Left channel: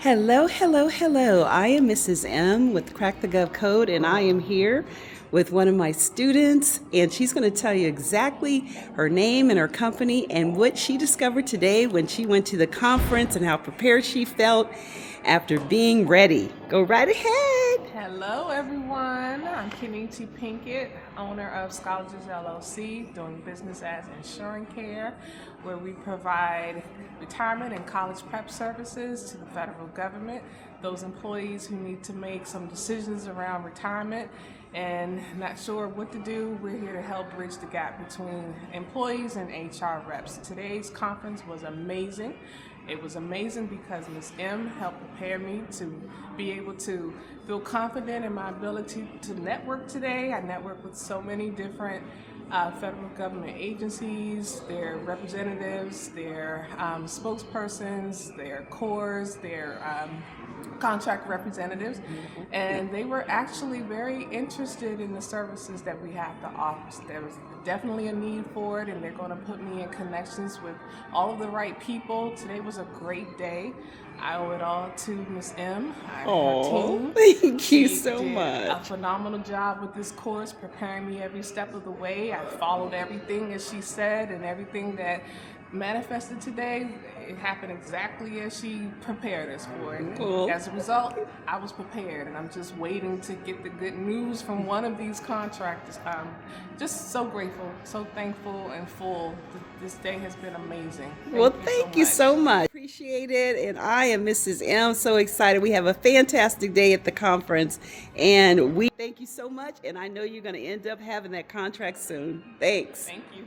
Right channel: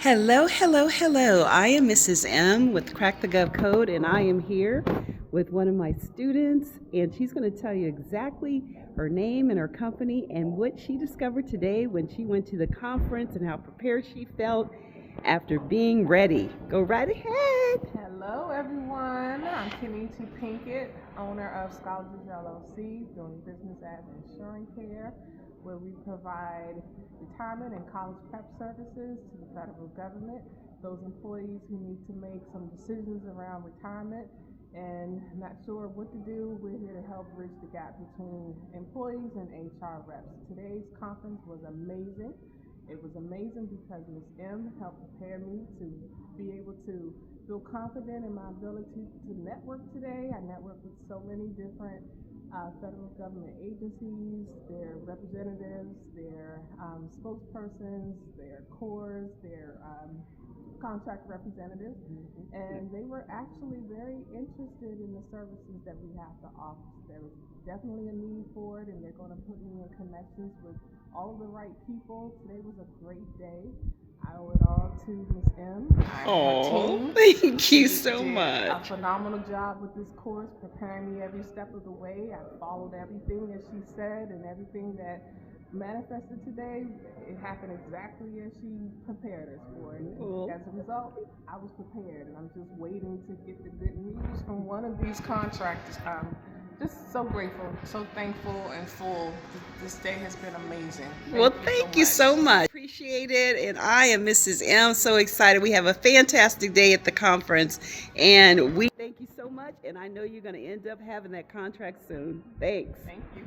Hello, hello, hello. I am Mrs. M with Crack the GovCode, and I am here with one of my students, and she's going to tell you exactly her name and her company and what she discovered today when she went to the conference and how prepared she felt after being ready. Go right ahead. Hello everyone, I'm Kenny T. Pinkett, owner of Scholages LLC, doing business as Insurance Care, where we provide retirement and college prep services to the federal government, those employees who need to make some decisions around retirement and not sure what to do. We're here to help bridge the gap between employees and HR reps. Today's conference was amazing. It was amazing because Ms. M helped prepare me to be able to feel confident in my ability to network today. I networked with so many different federal government agencies, their representatives, their spokespersons, their cores, their contract representatives, and they were actually very interested in the services that we have to offer. There was definitely a need for it, and they're going to put me in connections with all of the right people. Today was a great day. I owe it all to Ms. M. Oh, thank you so much. A phenomenal job with this course, preparing me every step of the way. I followed everything as she said, and everything that manifested today, it happened exactly as she prepared us for it. Cool. As a result, I was prepared, and I'm just waiting to get the good news from one of these contractors. Just so grateful, so thankful, and full. This day has been amazing. Thank you so much. Appreciate it. And I am Mrs. M. So excited. We have a fantastic day at the conference, and we thank you so much. And I know you're going to end up having that contract soon. Thanks. Thank you.